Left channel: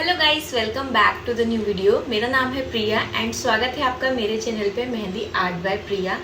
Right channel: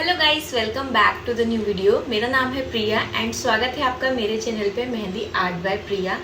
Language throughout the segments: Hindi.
Hello guys, welcome back to the new video. मेरा नाम है प्रिया एंड स्वागत है आपका मेरे चैनल पे मेहंदी आर्ट बाय प्रिया।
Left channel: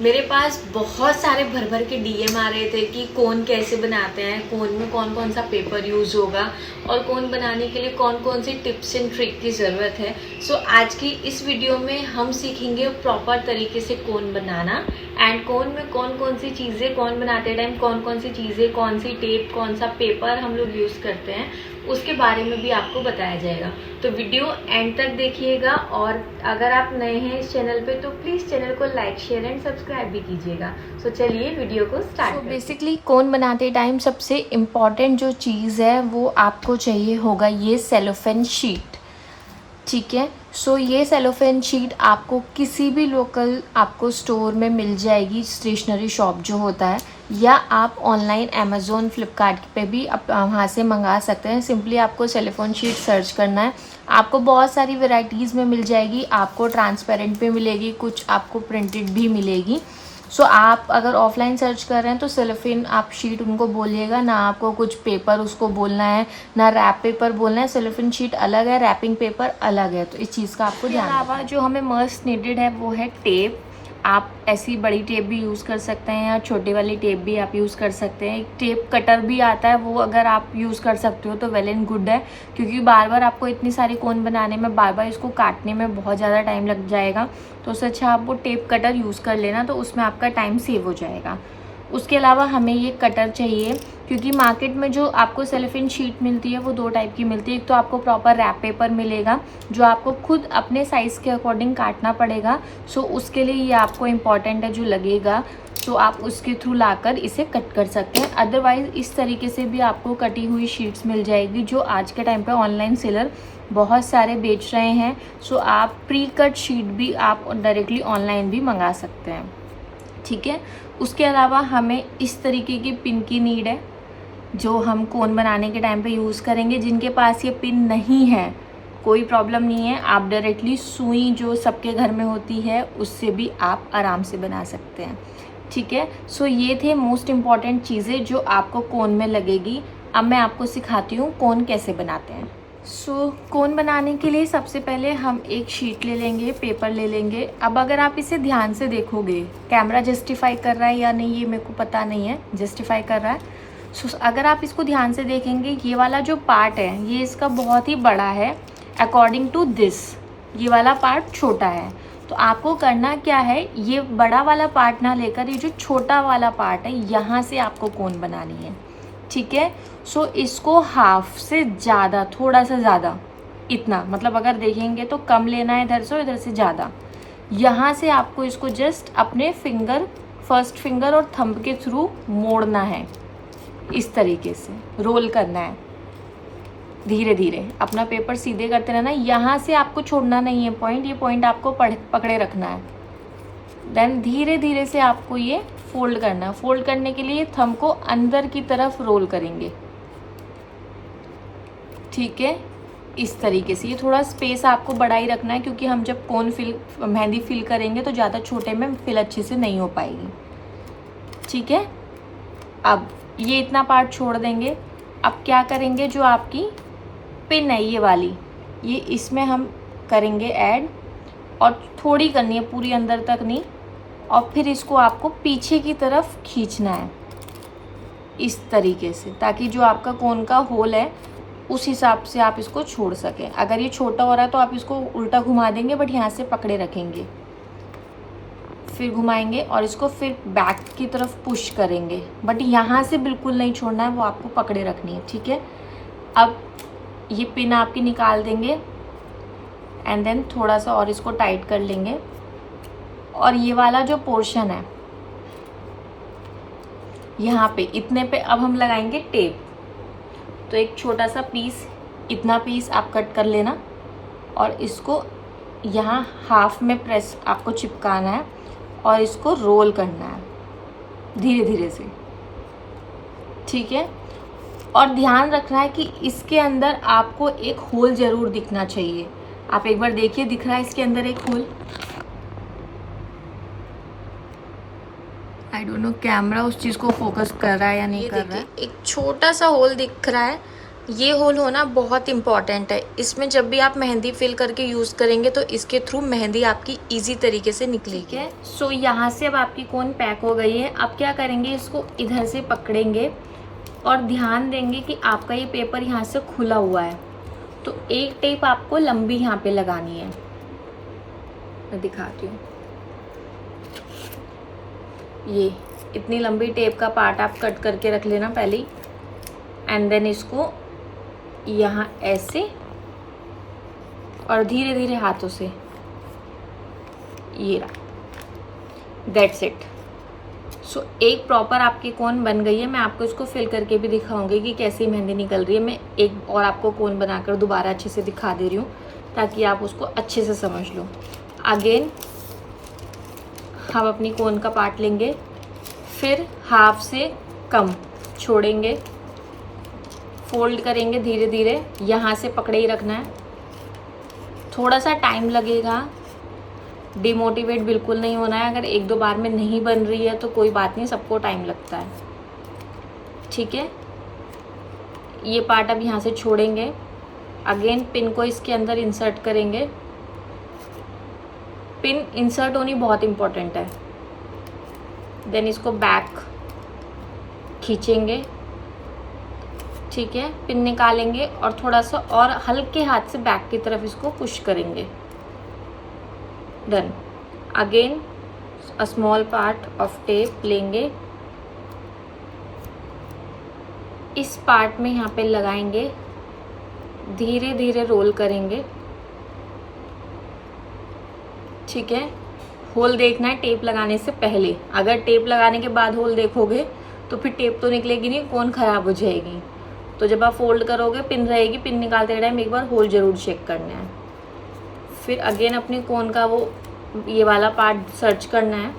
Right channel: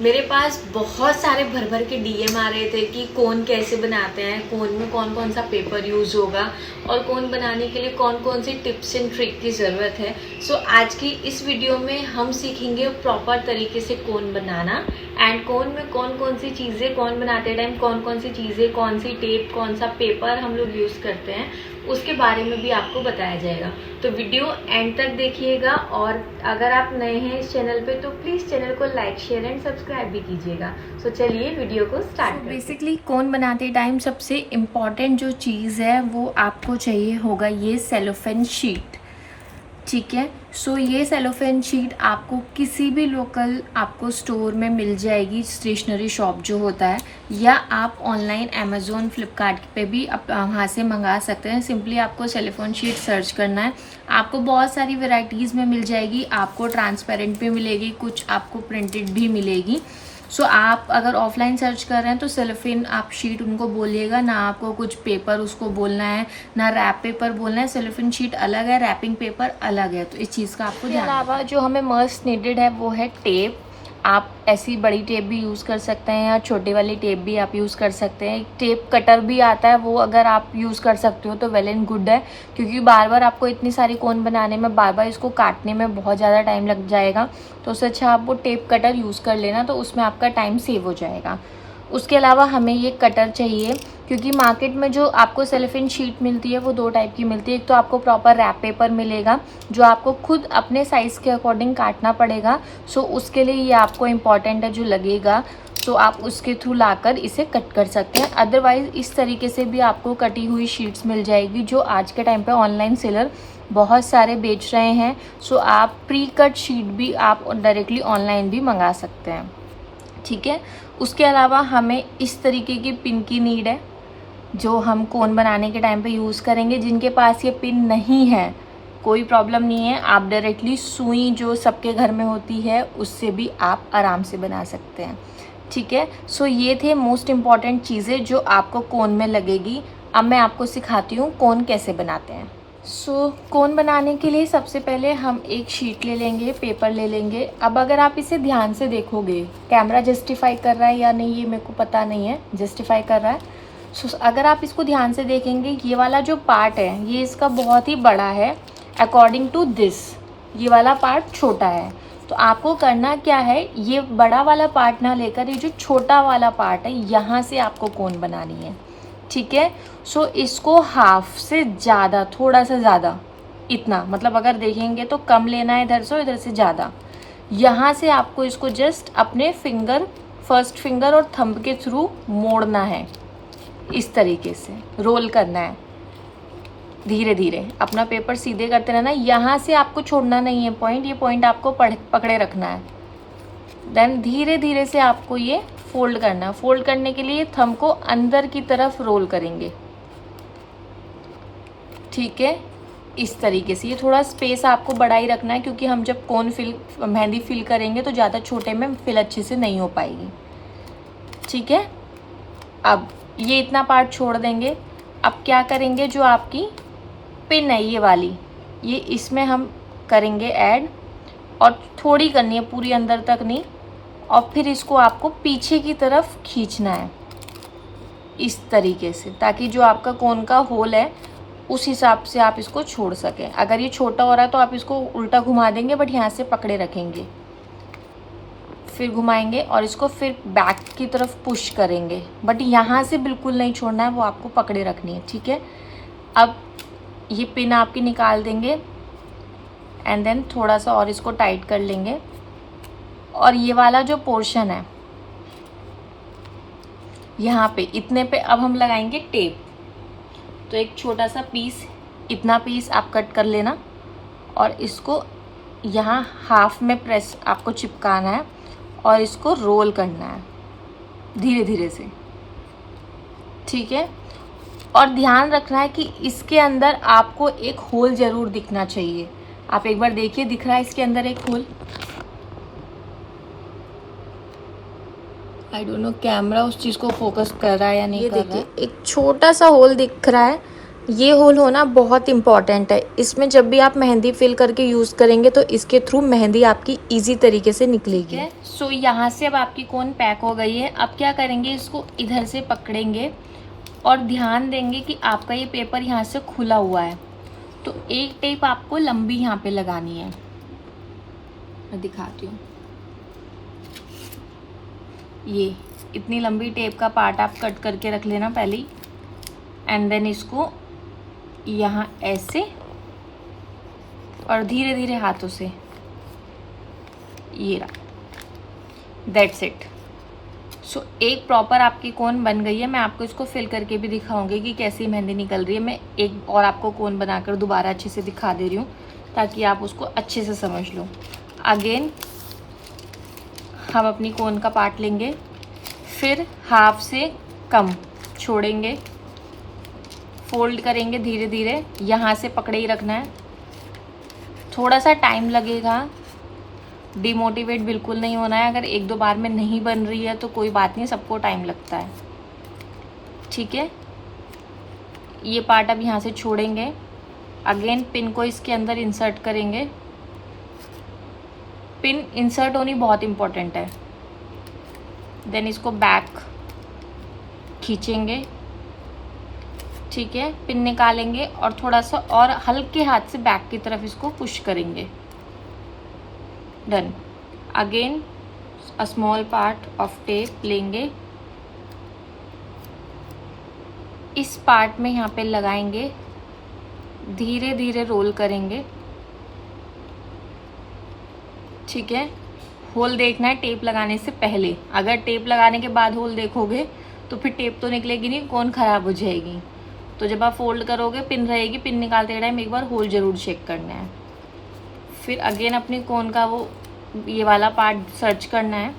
मेरे पास बहुत सारे भर भर के डीएम आ रहे थे कि कोन कैसे बनाते हैं, कोन में कौन कौन सा पेपर यूज होगा और कोन बनाने के लिए कौन कौन सी टिप्स एंड ट्रिक की ज़रूरत है। सो आज की इस वीडियो में हम सीखेंगे प्रॉपर तरीके से कोन बनाना एंड कोन में कौन कौन सी चीज़ें, कोन बनाते टाइम कौन कौन सी चीज़ें, कौन सी टेप, कौन सा पेपर हम लोग यूज़ करते हैं, उसके बारे में भी आपको बताया जाएगा। तो वीडियो एंड तक देखिएगा और अगर आप नए हैं इस चैनल पे तो प्लीज़ चैनल को लाइक, शेयर एंड सब्सक्राइब भी कीजिएगा। सो चलिए वीडियो को स्टार्ट करते हैं। बेसिकली कोन बनाते टाइम सबसे इम्पॉर्टेंट जो चीज़ है वो आपको चाहिए होगा ये सेलोफेन शीट। ठीक है, सो ये सेलोफेन शीट आपको किसी भी लोकल आपको स्टोर में मिल जाएगी, स्टेशनरी शॉप जो होता है, या आप ऑनलाइन अमेज़ोन, फ्लिपकार्ट पे भी वहाँ से मंगा सकते हैं। सिंपली आपको सेलोफेन शीट सर्च करना है, आपको बहुत सारी वैरायटीज़ में मिल जाएगी। आपको ट्रांसपेरेंट भी मिलेगी, कुछ आपको प्रिंटेड भी मिलेगी। सो आप अगर ऑफलाइन सर्च कर रहे हैं तो सेलोफेन आप शीट उनको बोलिएगा, ना आपको कुछ पेपर उसको बोलना है, ना रैप पेपर बोलना है। सेलोफेन शीट अलग है, रैपिंग पेपर अलग है, तो इस चीज़ का आपको ध्यान रखना है। जो हमें मस्ट नीडेड है वो है टेप। आप ऐसी बड़ी टेप भी यूज़ कर सकते हैं या छोटी वाली टेप भी आप यूज़ कर सकते हैं। एक टेप कटर भी आता है, वो अगर आप यूज़ कर सकते हो तो वेल एंड गुड है, क्योंकि बार बार आपको इतनी सारी कोन बनाने में, बार बार इसको काटने में बहुत ज़्यादा टाइम लग जाएगा। तो उससे अच्छा आप वो टेप कटर यूज़ कर लेना, तो उसमें आपका टाइम सेव हो जाएगा। उसके अलावा हमें ये कटर चाहिए, क्योंकि मार्केट में जो आपको सेलोफेन शीट मिलती है वो दो टाइप की मिलती है। एक तो आपको प्रॉपर रैप पेपर मिलेगा जो आपको खुद अपने साइज़ के अकॉर्डिंग काटना पड़ेगा। सो उसके लिए ये आपको इम्पॉर्टेंट है जो लगेगा, तो आप उसके थ्रू लाकर इसे कट कर सकते हैं। अदरवाइज़ इस तरीके से भी आपको कटी हुई शीट्स मिल जाएगी, जो आज के टाइम पे ऑनलाइन सेलर बहुत सारे बेच रहे हैं। सो आप प्री कट शीट भी आप डायरेक्टली ऑनलाइन भी मंगा सकते हैं। ठीक है, उसके अलावा हमें इस तरीके की पिन की नीड है जो हम कोन बनाने के टाइम पे यूज़ करेंगे। जिनके पास ये पिन नहीं है कोई प्रॉब्लम नहीं है, आप डायरेक्टली सुई जो सबके घर में होती है उससे भी आप आराम से बना सकते हैं। ठीक है, सो ये थे मोस्ट इम्पॉर्टेंट चीज़ें जो आपको कोन में लगेगी। अब मैं आपको सिखाती हूँ कोन कैसे बनाते हैं। कोन बनाने के लिए सबसे पहले हम एक शीट ले लेंगे, पेपर ले लेंगे। अब अगर आप इसे ध्यान से देखोगे, कैमरा जस्टिफाई कर रहा है या नहीं ये मेरे को पता नहीं है, जस्टिफाई कर रहा है। अगर आप इसको ध्यान से देखेंगे, ये वाला जो पार्ट है ये इसका बहुत ही बड़ा है अकॉर्डिंग टू दिस, ये वाला पार्ट छोटा है। तो आपको करना क्या है, ये बड़ा वाला पार्ट ना लेकर ये जो छोटा वाला पार्ट है यहाँ से आपको कोन बनानी है। ठीक है, सो इसको हाफ से ज़्यादा, थोड़ा सा ज़्यादा, इतना मतलब अगर देखेंगे तो कम लेना है इधर से और इधर से ज़्यादा। यहाँ से आपको इसको जस्ट अपने फिंगर, फर्स्ट फिंगर और थंब के थ्रू मोड़ना है, इस तरीके से रोल करना है। धीरे धीरे अपना पेपर सीधे करते रहना, यहाँ से आपको छोड़ना नहीं है पॉइंट, ये पॉइंट आपको पकड़े रखना है। देन धीरे धीरे से आपको ये फोल्ड करना है। फोल्ड करने के लिए थंब को अंदर की तरफ रोल करेंगे। ठीक है, इस तरीके से। ये थोड़ा स्पेस आपको बड़ा ही रखना है, क्योंकि हम जब कोन मेहंदी फिल करेंगे तो ज़्यादा छोटे में फिल अच्छे से नहीं हो पाएगी। ठीक है, अब ये इतना पार्ट छोड़ देंगे। अब क्या करेंगे, जो आपकी पिन है ये वाली, ये इसमें हम करेंगे ऐड, और थोड़ी करनी है, पूरी अंदर तक नहीं। और फिर इसको आपको पीछे की तरफ खींचना है इस तरीके से, ताकि जो आपका कोन का होल है उस हिसाब से आप इसको छोड़ सकें। अगर ये छोटा हो रहा है तो आप इसको उल्टा घुमा देंगे, बट यहाँ से पकड़े रखेंगे, फिर घुमाएंगे और इसको फिर बैक की तरफ पुश करेंगे, बट यहाँ से बिल्कुल नहीं छोड़ना है, वो आपको पकड़े रखनी है। ठीक है, अब ये पिन आपकी निकाल देंगे एंड देन थोड़ा सा और इसको टाइट कर लेंगे। और ये वाला जो पोर्शन है यहाँ पे, इतने पे अब हम लगाएंगे टेप। तो एक छोटा सा पीस, इतना पीस आप कट कर लेना और इसको यहाँ हाफ में प्रेस आपको चिपकाना है और इसको रोल करना है धीरे धीरे से। ठीक है, और ध्यान रखना है कि इसके अंदर आपको एक होल ज़रूर दिखना चाहिए। आप एक बार देखिए, दिख रहा है इसके अंदर एक hole? I don't know camera उस चीज़ को फोकस कर रहा है या नहीं कर रहा है। ये देखिए एक छोटा सा होल दिख रहा है, ये होल होना बहुत इम्पॉर्टेंट है। इसमें जब भी आप मेहंदी फिल करके यूज़ करेंगे तो इसके थ्रू मेहंदी आपकी इजी तरीके से निकलेगी। सो यहाँ से अब आपकी कोन पैक हो गई है। अब क्या करेंगे, इसको इधर से पकड़ेंगे और ध्यान देंगे कि आपका ये पेपर यहाँ से खुला हुआ है, तो एक टेप आपको लंबी यहाँ पे लगानी है। मैं दिखाती हूँ, ये इतनी लंबी टेप का पार्ट आप कट करके रख लेना पहले ही, एंड देन इसको यहाँ ऐसे और धीरे धीरे हाथों से, ये रहा, दैट्स इट। सो एक प्रॉपर आपकी कोन बन गई है। मैं आपको इसको फिल करके भी दिखाऊंगी कि कैसी मेहंदी निकल रही है। मैं एक और आपको कोन बनाकर दोबारा अच्छे से दिखा दे रही हूँ ताकि आप उसको अच्छे से समझ लो। अगेन हम अपनी कोन का पार्ट लेंगे, फिर हाफ से कम छोड़ेंगे, फोल्ड करेंगे धीरे धीरे, यहाँ से पकड़े ही रखना है। थोड़ा सा टाइम लगेगा, डिमोटिवेट बिल्कुल नहीं होना है। अगर एक दो बार में नहीं बन रही है तो कोई बात नहीं, सबको टाइम लगता है, ठीक है। ये पार्ट अब यहाँ से छोड़ेंगे, अगेन पिन को इसके अंदर इंसर्ट करेंगे। पिन इंसर्ट होनी बहुत इम्पोर्टेंट है। देन इसको बैक खींचेंगे, ठीक है, पिन निकालेंगे और थोड़ा सा और हल्के हाथ से बैक की तरफ इसको पुश करेंगे। Done. Again a small part of tape लेंगे, इस पार्ट में यहाँ पे लगाएंगे, धीरे धीरे रोल करेंगे, ठीक है। होल देखना है टेप लगाने से पहले। अगर टेप लगाने के बाद होल देखोगे तो फिर टेप तो निकलेगी नहीं, कोन खराब हो जाएगी। तो जब आप फोल्ड करोगे पिन रहेगी, पिन निकालते टाइम एक बार होल जरूर चेक करना है। फिर अगेन अपने कोन का वो ये वाला पार्ट सर्च करना है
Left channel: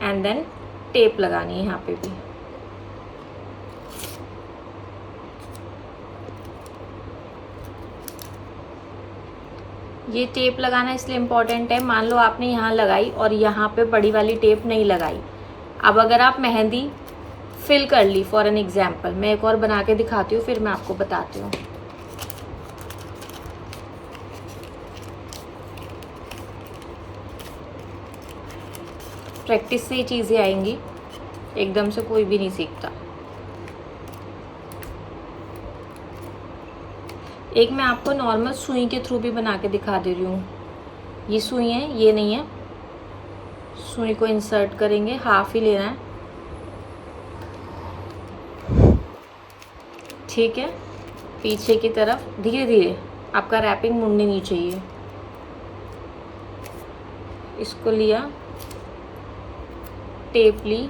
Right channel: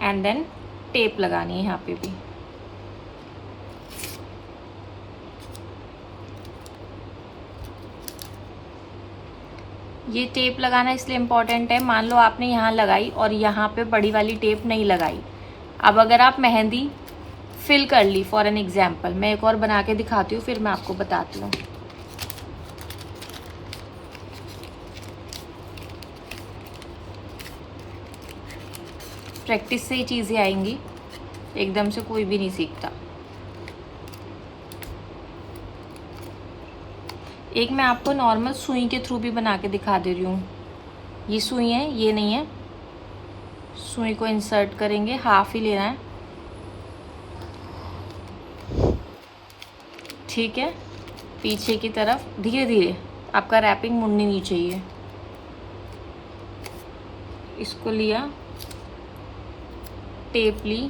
एंड देन टेप लगानी है यहाँ पे भी। ये टेप लगाना इसलिए इम्पोर्टेंट है, मान लो आपने यहाँ लगाई और यहाँ पे बड़ी वाली टेप नहीं लगाई। अब अगर आप मेहंदी फिल कर ली फॉर एन एग्जाम्पल, मैं एक और बना के दिखाती हूँ फिर मैं आपको बताती हूँ। प्रैक्टिस से ये चीज़ें आएंगी, एकदम से कोई भी नहीं सीखता। एक मैं आपको नॉर्मल सुई के थ्रू भी बना के दिखा दे रही हूँ। ये सुई है, ये नहीं है। सुई को इंसर्ट करेंगे, हाफ ही लेना है, ठीक है। पीछे की तरफ धीरे धीरे, आपका रैपिंग मुड़नी नहीं चाहिए। इसको लिया, टेप ली,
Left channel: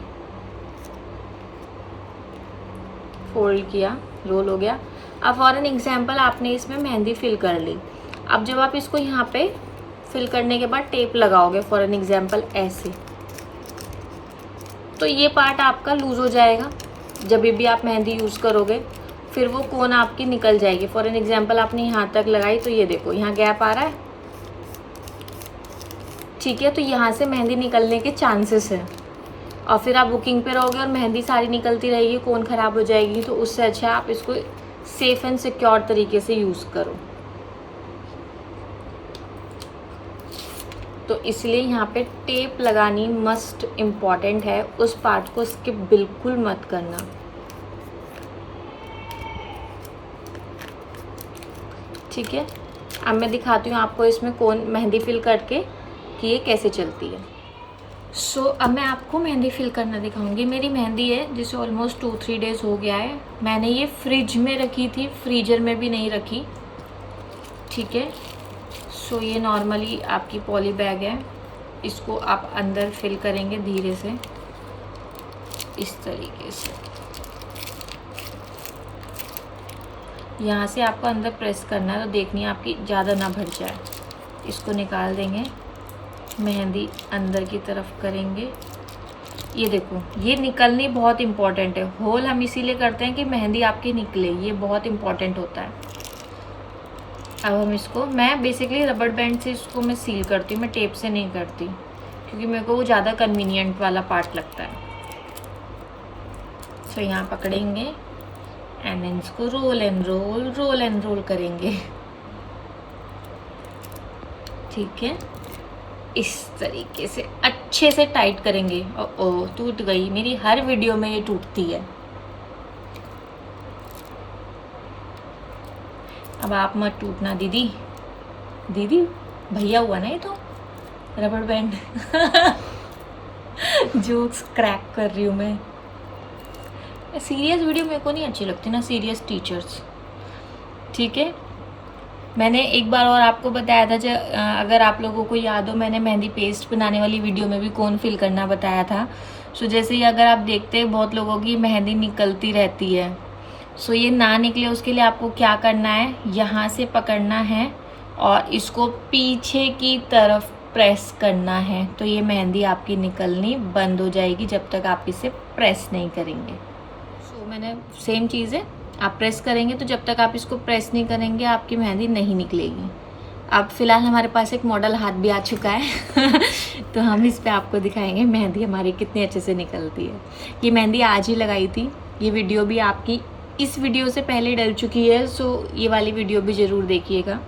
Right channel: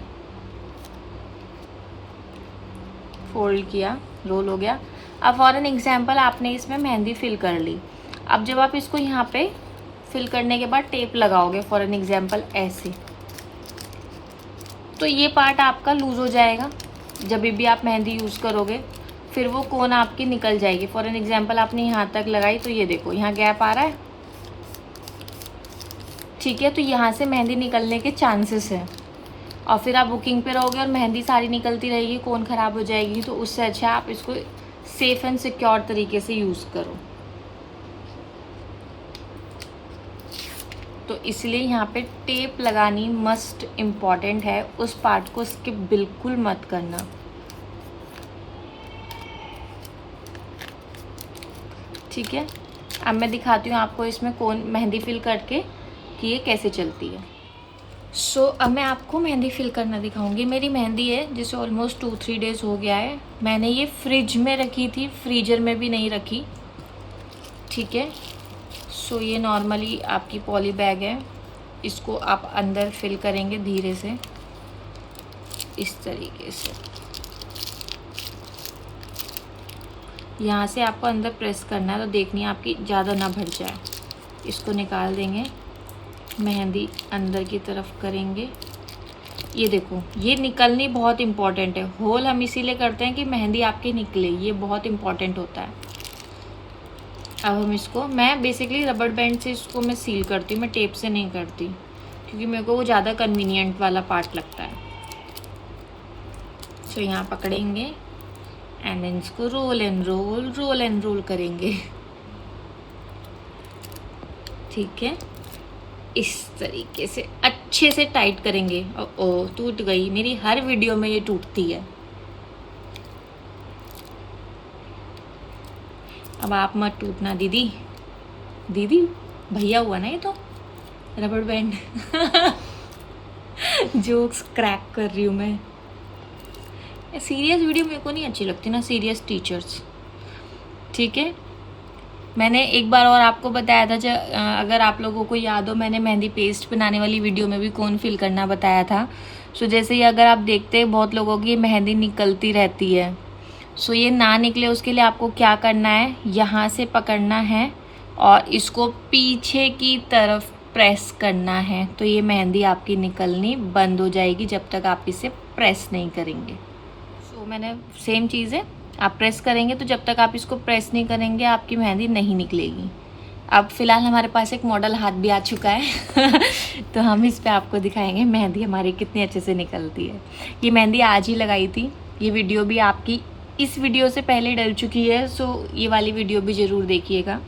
फोल्ड किया, रोल हो गया। अब फॉर एन एग्जाम्पल आपने इसमें मेहंदी फिल कर ली। अब जब आप इसको यहाँ पे फिल करने के बाद टेप लगाओगे फॉर एन एग्जाम्पल ऐसे, तो ये पार्ट आपका लूज हो जाएगा। जब भी आप मेहंदी यूज़ करोगे फिर वो कोन आपकी निकल जाएगी। फॉर एन एग्जाम्पल आपने यहाँ तक लगाई तो ये देखो यहाँ गैप आ रहा है, ठीक है। तो यहाँ से मेहंदी निकलने के चांसेस है और फिर आप बुकिंग पे रहोगे और मेहंदी सारी निकलती रहेगी, कोन ख़राब हो जाएगी। तो उससे अच्छा आप इसको सेफ एंड सिक्योर तरीके से यूज़ करो। तो इसलिए यहाँ पे टेप लगानी मस्ट इम्पॉर्टेंट है। उस पार्ट को स्किप बिल्कुल मत करना, ठीक है। अब मैं दिखाती हूँ आपको इसमें कोन मेहंदी फिल करके कि ये कैसे चलती है। सो अब मैं आपको मेहंदी फिल करना दिखाऊंगी। मेरी मेहंदी है जिसे ऑलमोस्ट 2-3 डेज़ हो गया है। मैंने ये फ्रिज में रखी थी, फ्रीजर में भी नहीं रखी, ठीक है। सो ये नॉर्मली आपकी पॉली बैग है, इसको आप अंदर फिल करेंगे धीरे से इस तरीके से। यहाँ से आपको अंदर प्रेस करना है, तो देखनी है आपकी ज़्यादा ना भर जाए। इसको निकाल देंगे, मेहंदी अंदर की तरफ करेंगे। ये देखो, ये निकलनी बहुत इम्पॉर्टेंट है। होल हम इसीलिए करते हैं कि मेहंदी आपकी निकले, ये बहुत इम्पॉर्टेंट होता है। अब हम इसको, मैं बेसिकली रबड़ बैंड से इसको मैं सील करती हूँ, मैं टेप से नहीं करती क्योंकि मेरे को वो ज़्यादा कन्वीनियंट वाला पार्ट लगता है। सो यहाँ पकड़ेंगे एंड देन इसको रोल एंड रोल करेंगे। ठीक है, इस तरीके से अच्छे से टाइट करेंगे। ओ टूट गई, मेरी हर वीडियो में ये टूटती है। अब आप मत टूटना दीदी, दीदी भैया हुआ ना ये तो, रबड़ बैंड। जोक्स क्रैक कर रही हूँ मैं। सीरियस वीडियो मेरे को नहीं अच्छी लगती ना, सीरियस टीचर्स। ठीक है, मैंने एक बार और आपको बताया था, अगर आप लोगों को याद हो, मैंने मेहंदी पेस्ट बनाने वाली वीडियो में भी कौन फिल करना बताया था। सो जैसे ही अगर आप देखते हैं बहुत लोगों की मेहंदी निकलती रहती है, सो ये ना निकले उसके लिए आपको क्या करना है, यहाँ से पकड़ना है और इसको पीछे की तरफ प्रेस करना है, तो ये मेहंदी आपकी निकलनी बंद हो जाएगी जब तक आप इसे प्रेस नहीं करेंगे। सो मैंने सेम चीज़ है, आप प्रेस करेंगे तो जब तक आप इसको प्रेस नहीं करेंगे आपकी मेहंदी नहीं निकलेगी। अब फिलहाल हमारे पास एक मॉडल हाथ भी आ चुका है तो हम इस पे आपको दिखाएंगे मेहंदी हमारी कितनी अच्छे से निकलती है। ये मेहंदी आज ही लगाई थी, ये वीडियो भी आपकी इस वीडियो से पहले डल चुकी है, सो ये वाली वीडियो भी ज़रूर देखिएगा।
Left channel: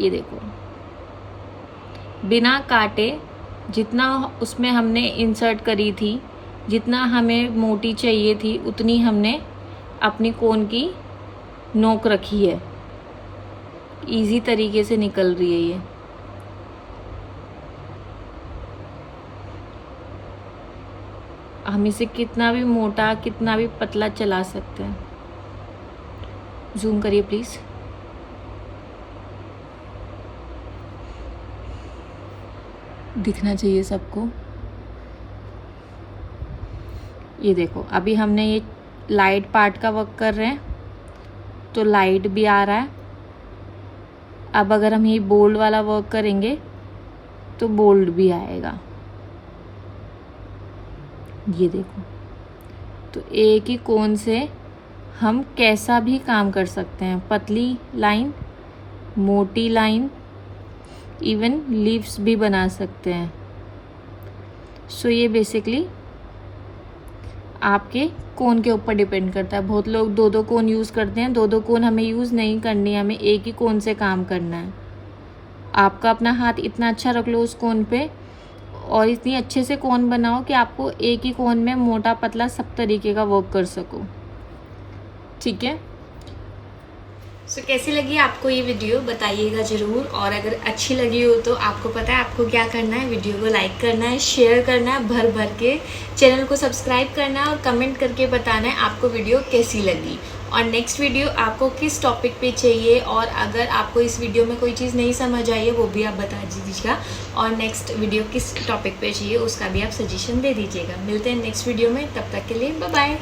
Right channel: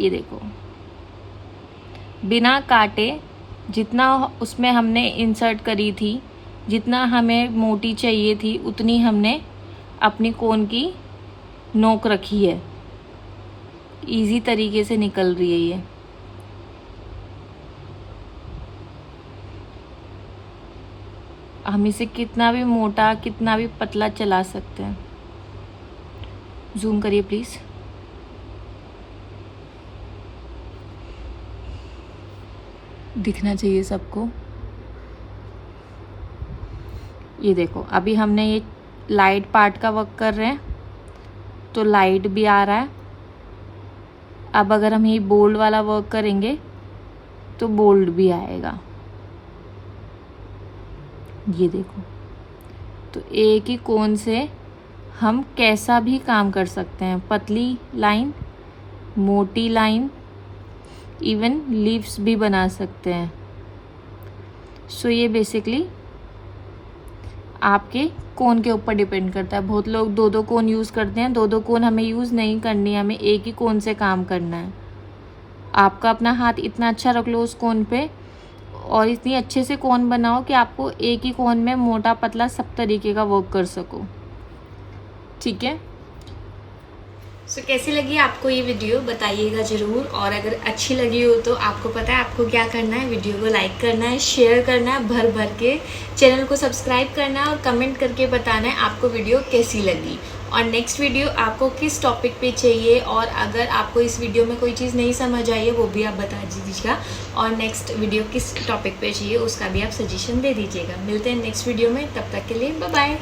ये देखो, बिना काटे जितना उसमें हमने इंसर्ट करी थी, जितना हमें मोटी चाहिए थी उतनी हमने अपनी कोन की नोक रखी है। इजी तरीके से निकल रही है ये। हम इसे कितना भी मोटा कितना भी पतला चला सकते हैं। जूम करिए प्लीज। दिखना चाहिए सबको। ये देखो, अभी हमने ये लाइट पार्ट का वर्क कर रहे हैं तो लाइट भी आ रहा है। अब अगर हम ये बोल्ड वाला वर्क करेंगे तो बोल्ड भी आएगा। ये देखो, तो एक ही कोन से हम कैसा भी काम कर सकते हैं। पतली लाइन, मोटी लाइन, इवन लीव्स भी बना सकते हैं। सो ये बेसिकली आपके कोन के ऊपर डिपेंड करता है। बहुत लोग दो दो कोन यूज़ करते हैं, दो दो कोन हमें यूज़ नहीं करनी है, हमें एक ही कोन से काम करना है। आपका अपना हाथ इतना अच्छा रख लो उस कोन पे और इतनी अच्छे से कोन बनाओ कि आपको एक ही कोन में मोटा पतला सब तरीके का वर्क कर सको। ठीक है, सो कैसी लगी आपको ये वीडियो बताइएगा ज़रूर। और अगर अच्छी लगी हो तो आपको पता है आपको क्या करना है, वीडियो को लाइक करना है, शेयर करना है भर भर के, चैनल को सब्सक्राइब करना है और कमेंट करके बताना है आपको वीडियो कैसी लगी और नेक्स्ट वीडियो आपको किस टॉपिक पे चाहिए। और अगर आपको इस वीडियो में कोई चीज़ नहीं समझ आई है वो भी आप बता दीजिएगा और नेक्स्ट वीडियो किस टॉपिक पे चाहिए उसका भी आप सजेशन दे दीजिएगा। मिलते हैं नेक्स्ट वीडियो में, तब तक के लिए बाय बाय।